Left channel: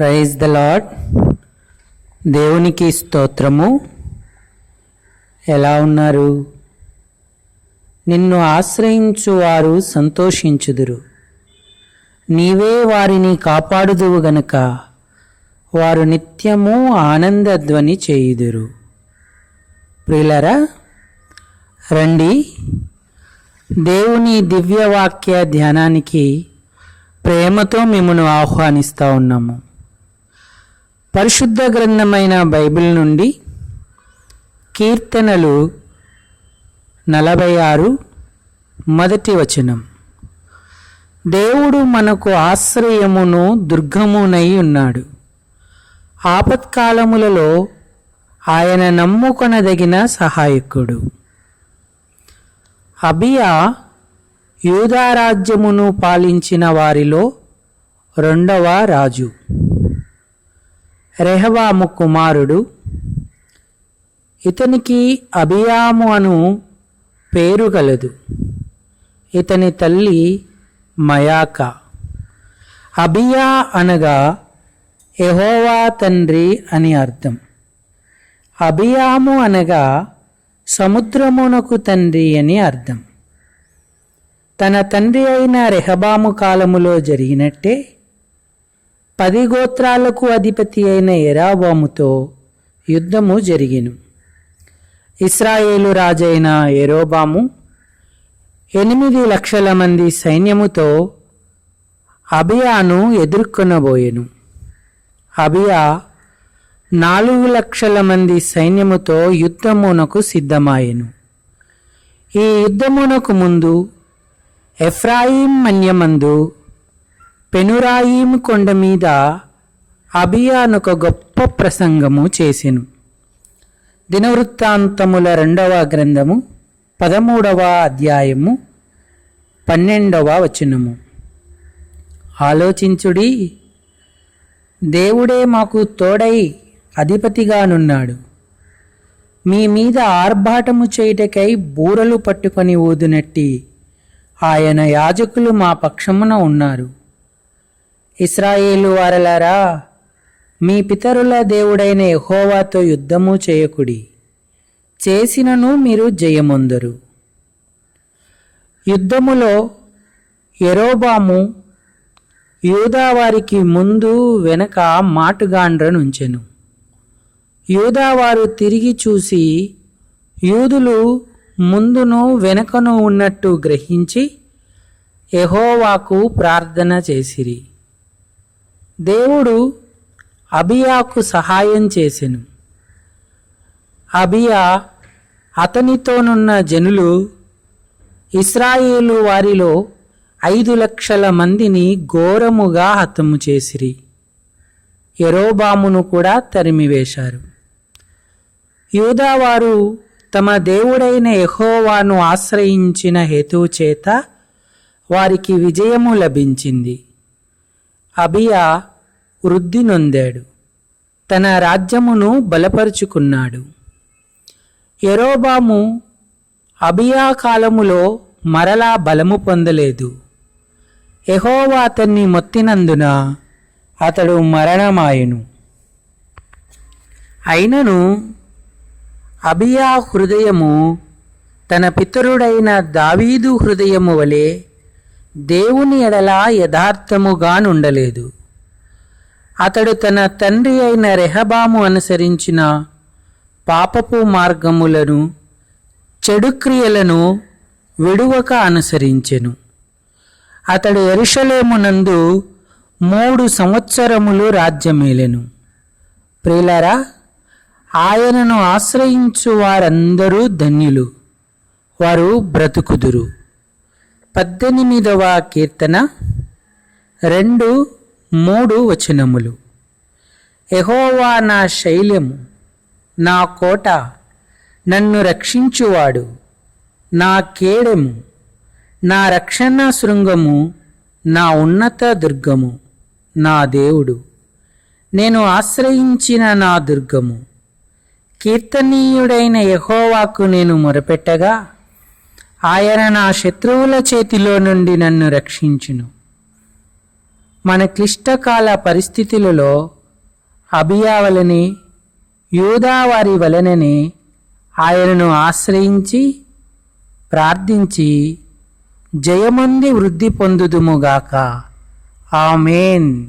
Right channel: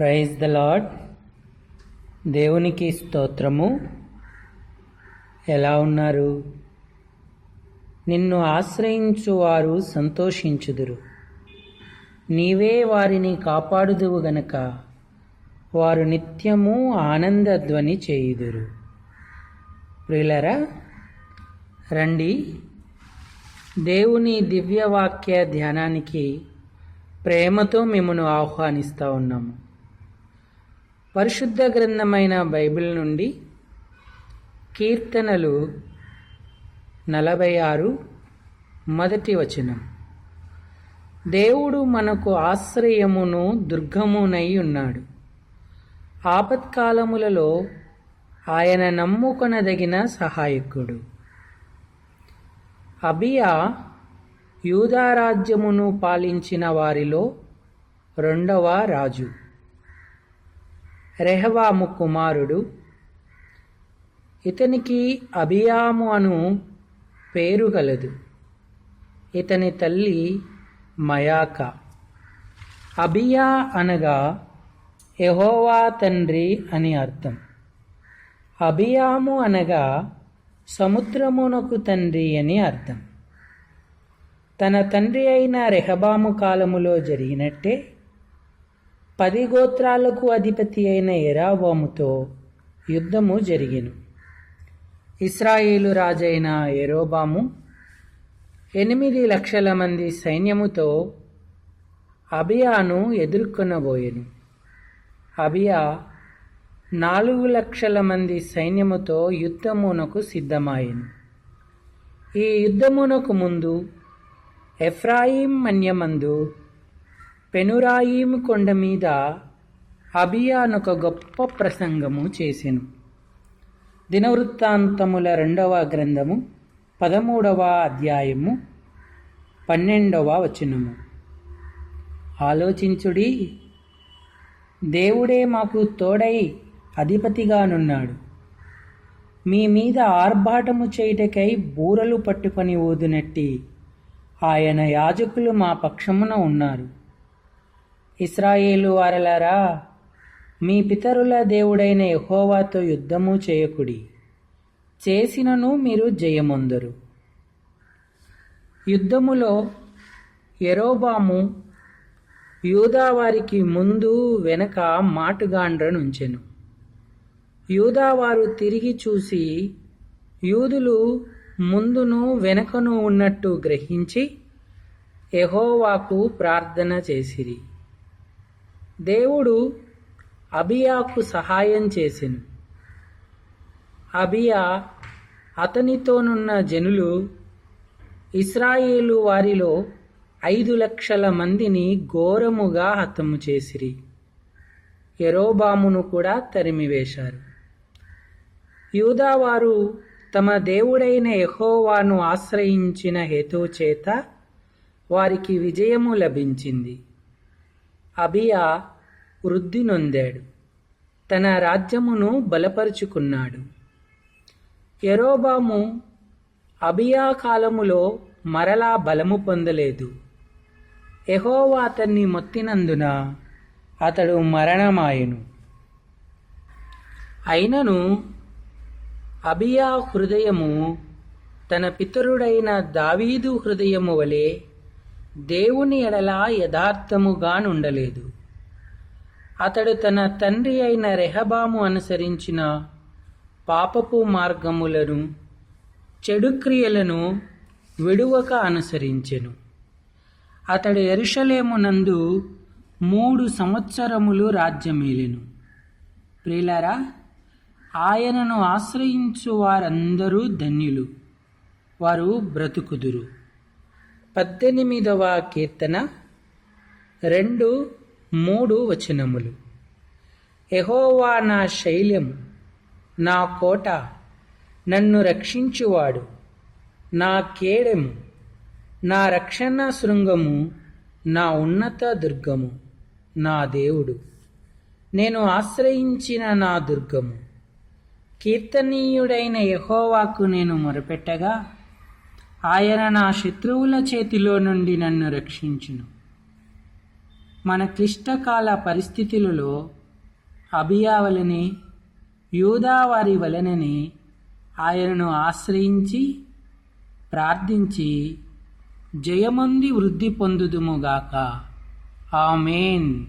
Praise the lord దేవునికి స్తోత్రము. ఎలా ఉన్నారు? నిన్ను ఆశ్రయించు వారు సంతోషించుదురు. నీవే వారిని కాపాడుదువు గనుక. వారు నిత్యము ఆనందధ్వని చేయుదురు. ప్రిలరా రండి. దేవుని దివ్యవాక్య ధ్యానానికి ప్రేమతో మిమ్మను ఆహ్వానిస్తూ ఉన్నాము. పరిశుద్ధ గ్రంథమైన బైబిల్ నుండి కీర్తనలు నలభై ఆరు మొదటి వచనం. దేవుడు మనకు ఆశ్రయమును దుర్గమునై ఉన్నాడు. ఆపత్కాలములలో ఆయన నమ్ముకొనదగిన సహాయకుడు. అబియా యూదారాజ్యమును పాలించిన వారిలో రెండవ రాజు. రెహవాము కుమారుడు. ఇతనికి అభియాము అను పేరు కలదు ఇతని తల్లి మయాక. అభియా అనగా ఎహోవా తండ్రి అని అర్థం. అభియాము అనగా సముద్రమునకు తండ్రి అని అర్థం. తన తండ్రి అయిన రెహబాము కాలములో జరిగినట్టే పది గోత్రాలకు అధిపతి అయిన ఎరాబాముతో యుద్ధము జరిగిను. ఇస్రాయేలు రాజైన ఎరోబాము ఎనిమిది లక్షల మంది సైన్యముతో అబియాను ఎదుర్కొనబోయెను. అబియా నాలుగు లక్షల మంది సైన్యముతో యుద్ధమునకు సిద్ధమాయెను. ఈ యుద్ధమునకు ముందు ఎఫ్రాయిం మన్యమందు పెనురాయిము కొండ మీద అభియానొక గొప్ప ప్రసంగము చేసెను. దినవృత్తాంతముల రెండవ గ్రంథము పదమూడవ అధ్యాయము పన్నెండవ వచనము. ఆలోచించుడి దేవుడే మాకు తోడై అధిపతిగానున్నాడు. మీ మీద ఆర్భాటము చేయుటకై బూరలు పట్టుకొని ఊదునట్టి ఆయన యాజకులు మా పక్షమున ఉన్నారు. ఇస్రాయేలు వారలారా మీ పితరుల దేవుడైన ఎహోవాతో యుద్ధము చేయకుడి. చేసినను మీరు జయమొందరు. యుద్ధములో ఎరోబాము యూదావారికి ముందు వెనక మాటుగాండ్రనుంచెను యూదావారు తిరిగి చూసి యూదులు ముందును వెనుకను ఉన్నట్టు గ్రహించి ఎహోవాకు ప్రార్థన చేసిరి. దేవుడు అబియాకు సహాయం చేసెను. అబియా అతనితోనున్న జనులు ఇస్రాయేలు వారిలో ఐదు లక్షల మందిని ఘోరముగా హతము చేసిరి. ఎరోబామును కూడా తరిమివేశారు. యూదావారు తమ దేవుడైన ఎహోవాను ఆశ్రయించిన హేతువు చేత వారికి విజయము లభించింది. అబియా వృద్ధి నొందాడు. తన రాజ్యమును బలపరుచుకున్నాడు. ఎరోబాము అబియా కాలములో మరలా బలము పొందలేదు. ఎహోవా అతన్ని మొత్తినందున అతడు మరణమాయెను. అయినను అబియా హృదయము తన పితరుడైన దావీదు హృదయము వలె దేవుని ఎడల యథార్థముగా నుండలేదు అతడు తన తండ్రి అయిన రెహబాము అనుసరించిన పాపపు మార్గములను చెడు క్రియలను విడువక అనుసరించెను. అతడు ఎరుషలేమునందు మూడు సంవత్సరములు రాజ్యమేలెను. ప్రియులారా ఆయనను ఆశ్రయించు వారందరూ ధన్యులు వారు బ్రతుకుదురు. పద్దెనిమిదవ కీర్తన రెండు మూడు వచనములు. ఎహోవా నా శైల్యము నా కోట నన్ను రక్షించువాడు. నా కేడము నా రక్షణ శృంగము నా ఉన్నత దుర్గము నా దేవుడు. నేను ఆశ్రయించిన నా దుర్గము. కీర్తనీయుడైన యహోవాకు నేను మొరపెట్టగా ఆయన నా శత్రువుల చేతిలో నుండి నన్ను రక్షించును. మన క్లిష్టకాల పరిస్థితులలో అభియావలని యూదావారి వలనని ఆయనను ఆశ్రయించి ప్రార్థించి జయమంది వృద్ధి పొందుదుముగాక ఆమెన్.